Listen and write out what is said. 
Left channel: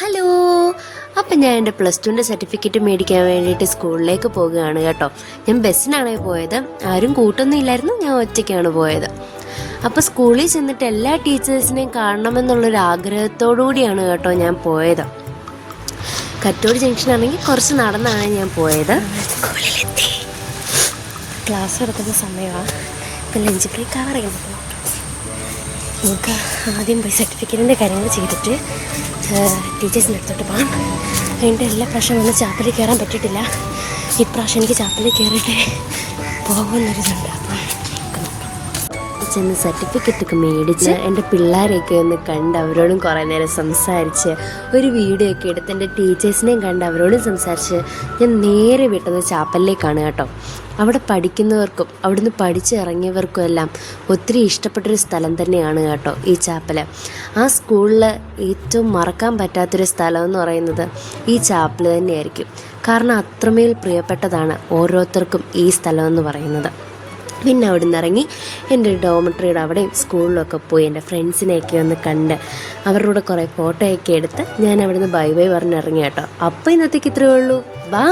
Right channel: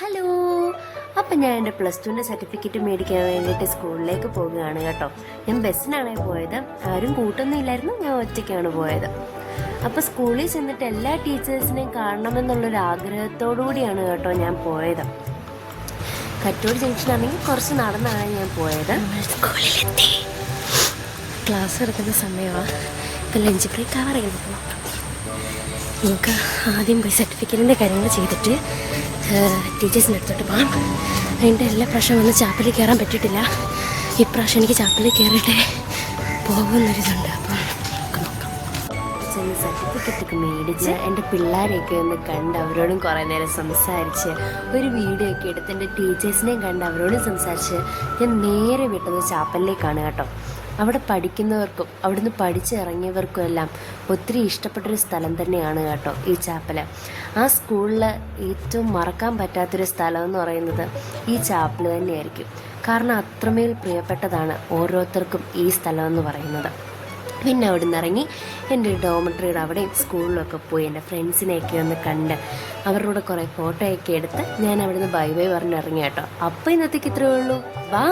Hello. അപ്പം ഞാൻ എൻ്റെ +2 സർട്ടിഫിക്കറ്റ് മേടിക്കാൻ വേണ്ടിയിട്ട് സ്കൂളിലേക്ക് പോകുകയാണ് കേട്ടോ. ഞാൻ ബസ്സിനാണ് പോയത്, ആരും കൂട്ടൊന്നും ഇല്ലായിരുന്നു, ഞാൻ ഒറ്റയ്ക്കാണ് പോയത്. അപ്പോൾ സ്കൂളിൽ ചെന്നിട്ട് എല്ലാ ടീച്ചേഴ്സിനെയും കാണണമെന്നുള്ളൊരു ആഗ്രഹത്തോടു കൂടിയാണ് കേട്ടോ ഞാൻ പോയത്. കറ്റോട് ജംഗ്ഷനാണെങ്കിൽ കുറച്ച് നടന്നാണ് ഞാൻ പോയത്. ക്ലാസ് നടക്കുന്ന സമയമാണ്, ഇപ്പം ലഞ്ച് ബ്രേക്ക് ആവാറിയാം. നമുക്ക് ആദ്യം പോയി സർട്ടിഫിക്കറ്റിൻ്റെ കാര്യങ്ങൾ ചെയ്തിട്ട് ടീച്ചേഴ്സിൻ്റെ അടുത്തോട്ട് പോകാം. അതിൻ്റെ എല്ലാ പ്രാവശ്യം ഒന്നും ചാപ്പലിൽ കയറാൻ പറ്റിയിട്ടില്ല. ഇപ്രാവശ്യം എനിക്ക് ചാപ്പലിൽ കയറിയിട്ട് പോകുന്നൊരിതുണ്ട്. അപ്പം ചെന്ന് സർട്ടിഫിക്കറ്റൊക്കെ മേടിച്ച് എൻ്റെ പിള്ളേരെയൊക്കെ ഒന്ന് കണ്ട് അവരോടും കുറേ നേരം സംസാരിച്ച് ഒരു വീഡിയോ ഒക്കെ എടുത്ത് എൻ്റെ ടീച്ചേഴ്സിനെയും കണ്ട് അവരോടും സംസാരിച്ച് ഞാൻ നേരെ വിട്ടത് ചാപ്പലിലേക്കാണ് കേട്ടോ. അവിടെ പഠിക്കുന്നവർക്കും അവിടുന്ന് പഠിച്ചിറങ്ങിയവർക്കും എല്ലാം ഒത്തിരി ഇഷ്ടപ്പെട്ടൊരു സ്ഥലം തന്നെയാണ് കേട്ടോ ഈ ചാപ്പൽ. ആ സ്കൂളിൽ ഏറ്റവും മറക്കാൻ പറ്റാത്തൊരു സ്ഥലം എന്ന് പറയുന്നത് ഈ ചാപ്പൽ തന്നെയായിരിക്കും. കാരണം അത്രമേൽ പ്രിയപ്പെട്ടതാണ് ഓരോരുത്തർക്കും ഈ സ്ഥലം എന്ന് പറയുന്നത്. പിന്നെ അവിടെ നിന്ന് ഇറങ്ങി എൻ്റെ ഡോമിറ്ററിയുടെ അവിടെയും സ്കൂളിലൊക്കെ പോയി എൻ്റെ ഫ്രണ്ട്സിനെയൊക്കെ ഒന്ന് കണ്ട് അവരുടെ കൂടെ കുറേ ഫോട്ടോയൊക്കെ എടുത്ത് ഞാൻ അവിടെ നിന്ന് ബൈ ബൈ പറഞ്ഞിറങ്ങി കേട്ടോ. അപ്പോൾ ഇന്നത്തേക്ക് ഇത്രയേ ഉള്ളൂ. ബൈ.